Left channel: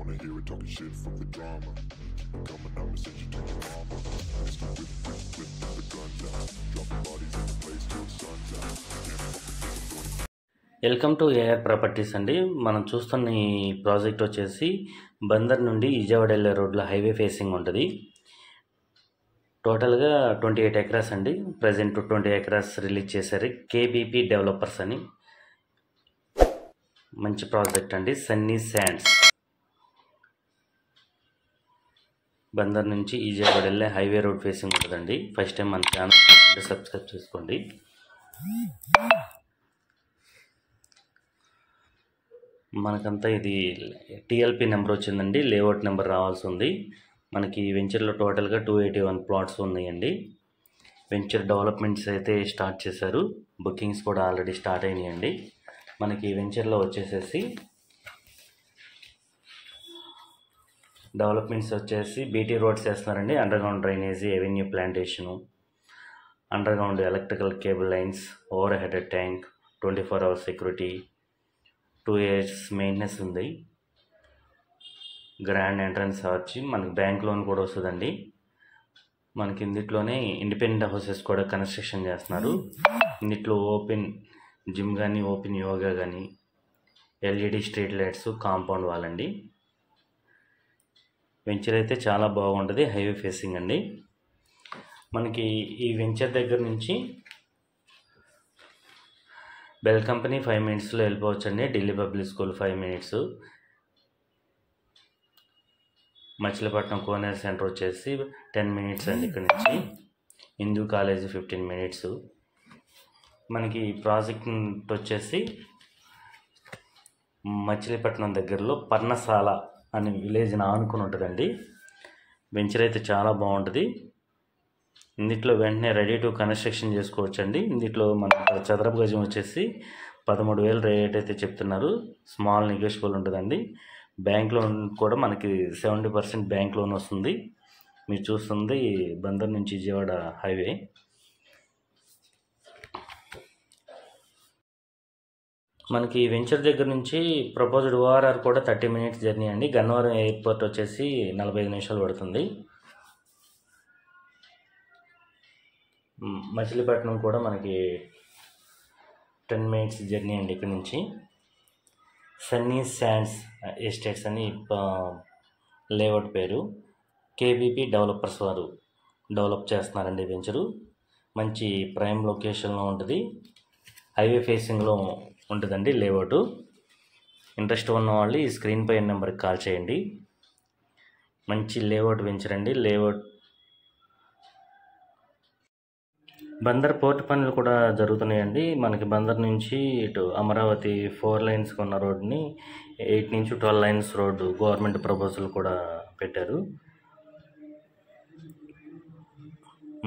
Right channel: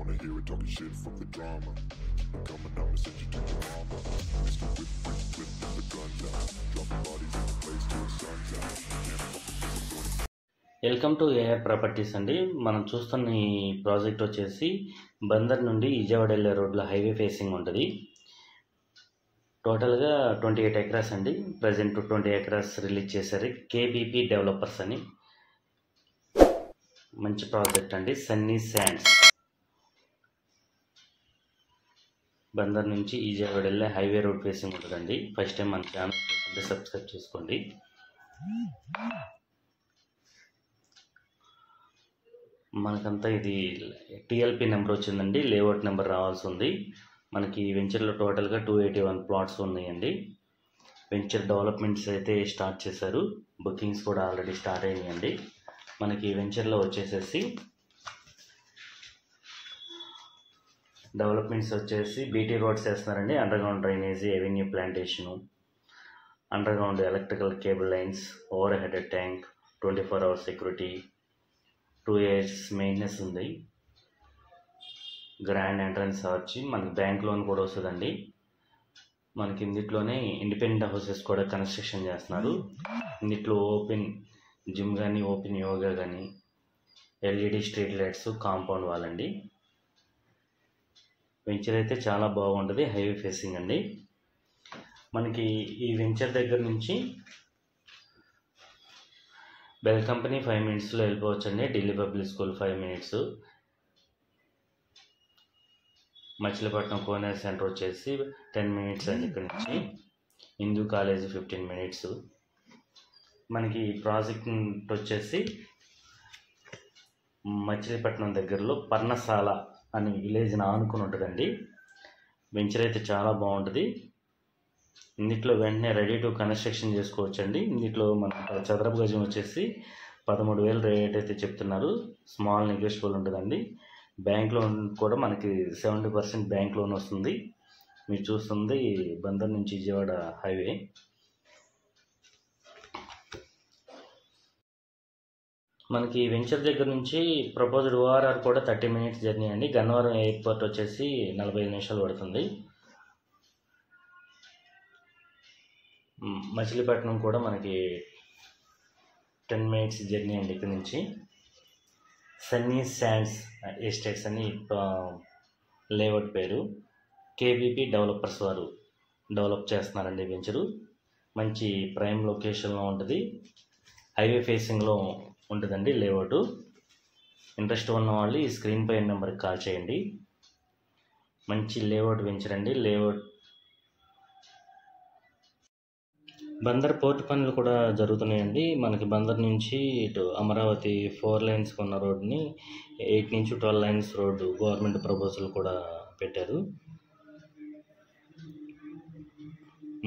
wanna hear it, talking shit, fuck the drama. Keep it coming, I'ma send you to your mama. Mr. Whip, whip, whip, and the guns out. Dropping bodies in the place till the sun's out. Can't fuck with this, I'm going. Welcome to AR properties అండి. మనం చూస్తున్న ఈ project వచ్చేసి బందర్ నుండి విజయవాడ వెళ్ళే రోడ్లో highway facing ఉంటుంది. టోటల్గా 28 ఎకరాస్ అండి. ప్రజెంట్ 20 ఎకరాస్ రిలీజ్ చేశారు కేబీపీ డెవలపర్స్ అని. మంచి ప్రాజెక్ట్ అండి. సన్నీ శాండ్స్ బందర్ నుంచి విజయవాడ వెళ్ళే హైవే రోడ్ ఫేసింగ్ ఉంటుందండి. ఫస్ట్ టైం మన ఛానల్ సబ్స్క్రైబ్ చేసుకోండి. మనకంతా ఇది టీఎల్పీ నెంబర్ వచ్చిందండి. లేఅవుట్ నెంబర్ రావాల్సి ఉంది. మనకి వెంచర్లో టోటల్గా 281 ప్లాట్స్ ఉన్నాయండి. వెంచర్ డెవలప్మెంట్స్ అయితే స్టార్ట్ చేశారు. బుకింగ్స్ కూడా ఆల్రెడీ స్టార్ట్ అయినాయండి. మనకి వెంచర్లో వచ్చేసేసి డెవలప్మెంట్స్ వచ్చేసి బీటీ రోడ్స్ వేస్తున్నారండి. Underground drainage, avenue plantation, underground electrical cable lines, overhead tank, 24 hours security, 2 years maintenance ఉంది. గ్రాండ్ ఎంట్రన్స్ ఆర్చ్, మనకి బ్యాంక్ లోన్ కూడా వస్తుందండి. మనకి ఇందులోనే ఇండిపెండెంట్ హౌసెస్ కూడా కన్స్ట్రక్షన్ చేస్తున్నారు. ఇందులో ఓపెన్ జిమ్ కానీ, ఓపెన్ యోగా కానీ, LED street lights, compound wall అండి. వెంచర్ అయితే చాలా బాగుంటుంది. హైవే ఫేసింగ్ అండి. మనకి ఈ వెంచర్ దగ్గర నుంచి బెల్ కంపెనీ 5 minutesలో వెళ్ళిపోవచ్చు అండి. Delhi public school 5 minutes, Machilipatnam Koneru centre వచ్చేసి 10 minutes అండి. ఇక్కడ నుంచి హిందూ కాలేజ్ 15 minutes. మనకి ప్రాజెక్ట్ వచ్చేసి మచిలీపట్నం దగ్గరలో పర్ణశాల అనే విలేజ్ ఆనుకుని ఉంటుందండి. వెంచర్ అయితే చాలా బాగుంటుంది. ఇందులో వెంటనే రెడీ టు కన్స్ట్రక్షన్ చేసుకోవచ్చండి. ఇందులో మన చదరపు గజం వచ్చేసి 13,000 రేట్ అయితే చెప్తున్నారు. స్మాల్ నెగోషియబుల్ ఉంటుందండి. బ్యాంక్ లోన్ కూడా మనకి 70% బ్యాంక్ లోన్ వస్తుంది. మీరు చూస్తుంది బందర్ నుంచి విజయవాడ హైవే. మనకి వెంచర్ దగ్గర నుంచి ప్రపోజ్డ్ ఓఆర్ఆర్ కూడా 30 minutes జర్నీ అండి. గన్నవరం ఎయిర్పోర్ట్ వచ్చేసి 45 నిమిషాలు పడుతుంది. మచిలీపట్నం కూడా మనకి 10 minutes జర్నీ అండి ఇక్కడ నుంచి. సన్నీ శాండ్స్ ఎస్టేట్స్ అని లేఅవుట్ పేరు. కేబీపీ డెవలపర్స్ వారు డెవలప్ చేస్తున్నారండి వెంచరు. మంచి ప్రైమ్ లొకేషన్లో ఉంటుంది. హైవే ఫేసింగ్లో ఉంటుందండి లేఅవుట్. ఇంట్రెస్ట్ ఉన్న వాళ్ళు ఈ స్క్రీన్ పై నెంబర్కి కాల్ చేయండి. మంచి లేఅవుట్ వెంచర్ అండి. లేఅవుట్ బందర్ పోర్ట్ పనులు కూడా జరుగుతున్నాయండి. మనకి బందర్ నుంచి ఇటు అమరావతి 4 lanes ఉన్న రోడ్ని 8 నుంచి 12 lanes రోడ్డు గవర్నమెంట్ ప్రపోజల్ కూడా పెట్టారు.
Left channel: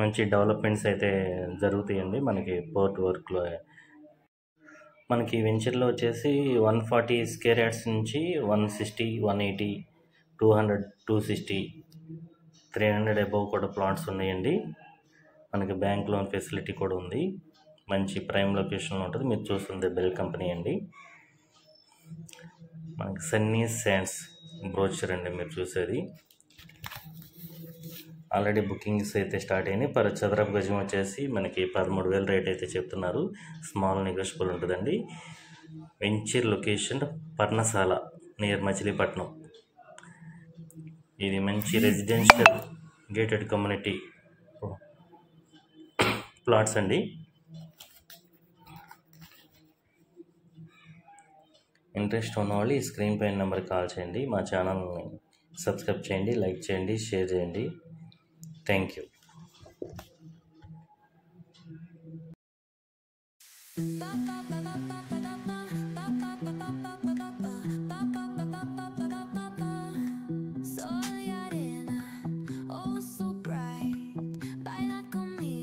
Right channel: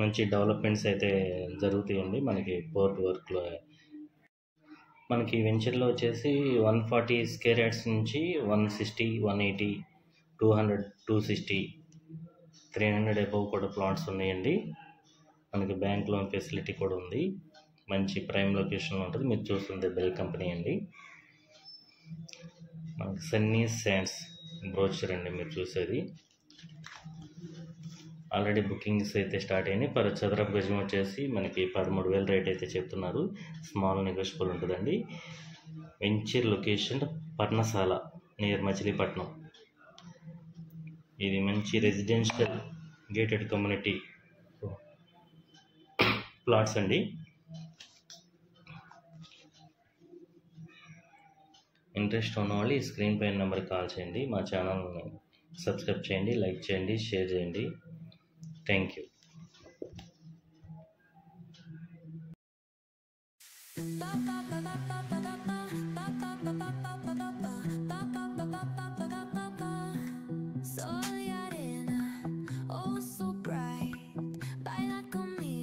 మంచి డెవలప్మెంట్స్ అయితే జరుగుతాయండి మనకి పోర్ట్ వర్క్లో. మనకి వెంచర్లో వచ్చేసి 140 square yards నుంచి 160, 180, 200, 260, 300 above కూడా ప్లాట్స్ ఉన్నాయండి. మనకి బ్యాంక్ లోన్ ఫెసిలిటీ కూడా ఉంది. మంచి ప్రైమ్ లొకేషన్లో ఉంటుంది. మీరు చూస్తుంది బెల్ కంపెనీ అండి. మనకి సన్నీ శాండ్స్ బ్రోచర్ అండి మీరు చూసేది. ఆల్రెడీ బుకింగ్స్ అయితే స్టార్ట్ అయినాయి. చదరపు గజం వచ్చేసి మనకి 13,000 రేట్ అయితే చెప్తున్నారు. స్మాల్ నెగోషియబుల్ ఉంటుందండి. వెంచర్ లొకేషన్ పర్ణశాల నియర్ మచిలీపట్నం. ఇది మంచి రెసిడెన్షియల్ గేటెడ్ కమ్యూనిటీ ప్లాట్స్ అండి. ఇంట్రెస్ట్ ఉన్నవాళ్ళు ఈ స్క్రీన్ పైన నెంబర్కి కాల్ చేయండి. మా ఛానల్ని సబ్స్క్రైబ్ చేయండి, లైక్ చేయండి, షేర్ చేయండి. Thank you. Soy arena, oh so bright, baila conmigo.